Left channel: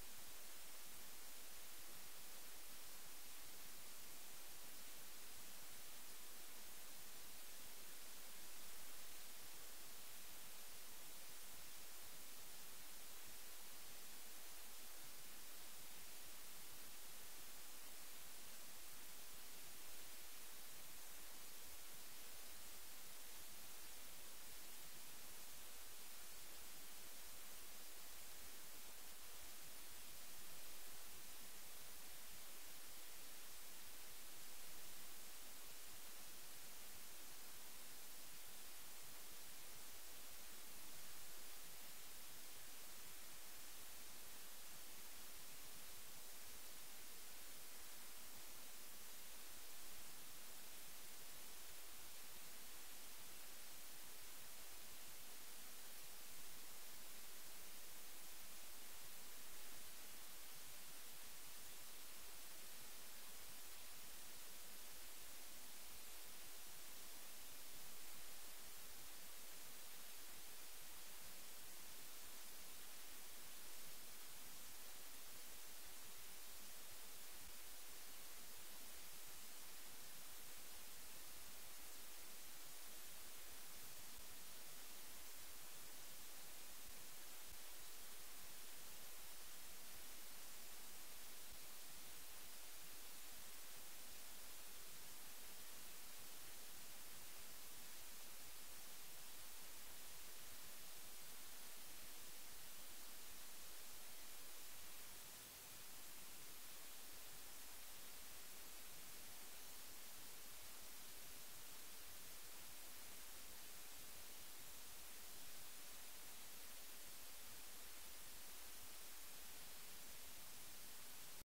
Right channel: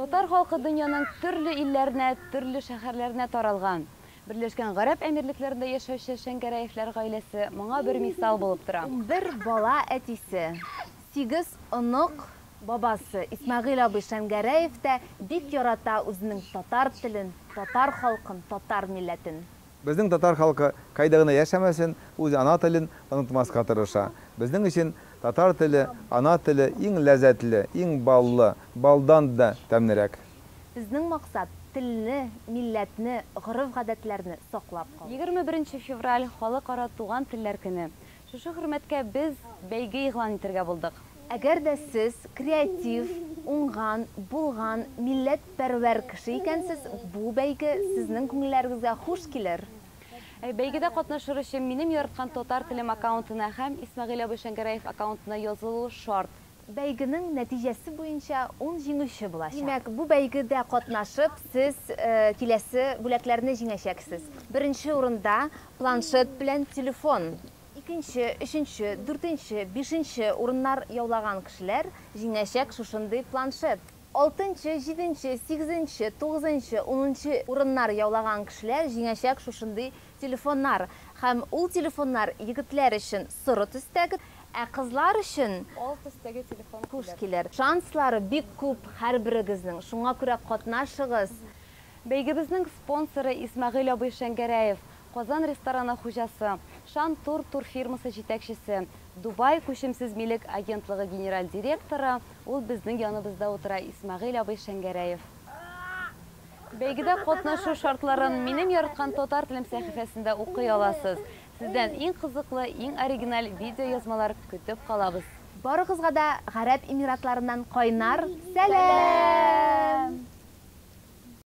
Татар халкы дөньяның төрле илләренә, төрле шәһәрләренә таралган. Берләшкән Гарәп Әмирлекләрендә яшәүче Шәңгәрәевләр гаиләсе моңа бер мисал булып тора. Бер бала әтисе, 8 онык бабасы Исмәгыйль абый Шәңгәрәев тә бик ярата үзенең татар телен, татар халкын, татар милләтен. Безнең татар халкы кайда гына яшәмәсен, үз ана телен онытмаска тырыша. Безнең өчен татар теле, ана теле иң ләззәтле, иң баллы, балдан да тәмнерәк. Безнең максат телне, милләтне, гореф-гадәтләрне саклап калу. 21 февраль халыкара туган телләр көне. Шушы хөрмәткә без бәйге игълан итәргә булдык. Әгәр дә сез креатив, уңган, булган, милләтпәрвәр кеше икәнсез, бу бәйге сезнең күңелләрегезгә хуш килер. Бәйгедә катнашыр өчен минем яраткан татар телем аккаунтына һәм Исмәгыйль абый Шәңгәрәев аккаунтына язылу шарт. Бәйгенең нәтиҗәсе буенча 10 җиңүче булачак. Димәк, бу бәйгедә катнашып, сез киләсе бүләкләрне җиңәчәксез. Беренче урында планшет белән телефон. Икенче, өченче, дүртенче, бишенче урыннар яулаган кешеләр җиңәчәк шушындый планшет. 6-нчы, 7-нче, 8-нче, 9-нчы, 10-нчы урыннар яулаган кешеләр җиңәчәк шушындый телефоннар. Һәм ул телефоннар егетләр өчен соры төстәге, ә кызлар өчен Ал төстәге телефон хуш килер. Шанслары бик күп һәрберегезнең. Шуңа күрә катнашыгыз. Бәйгебезнең спонсоры Исмәгыйль абый Шәңгәрәев, Казан рестораны хуҗасы, Шан тур фирмасы җитәкчесе, Дубай күчемсез милек агентлыгы генераль директоры, ул безнең яныбызда утыра Исмәгыйль абый Шәңгәрәев. Бәйгедә катнашу шартларын минем яраткан татар телем сәхифәсендә укый аласыз. Сездән иң кызыклы, иң оригиналь видео язмалар көтеп калабыз. Барыгызга да Гарәп Эмиратларыннан кайнар сәлам!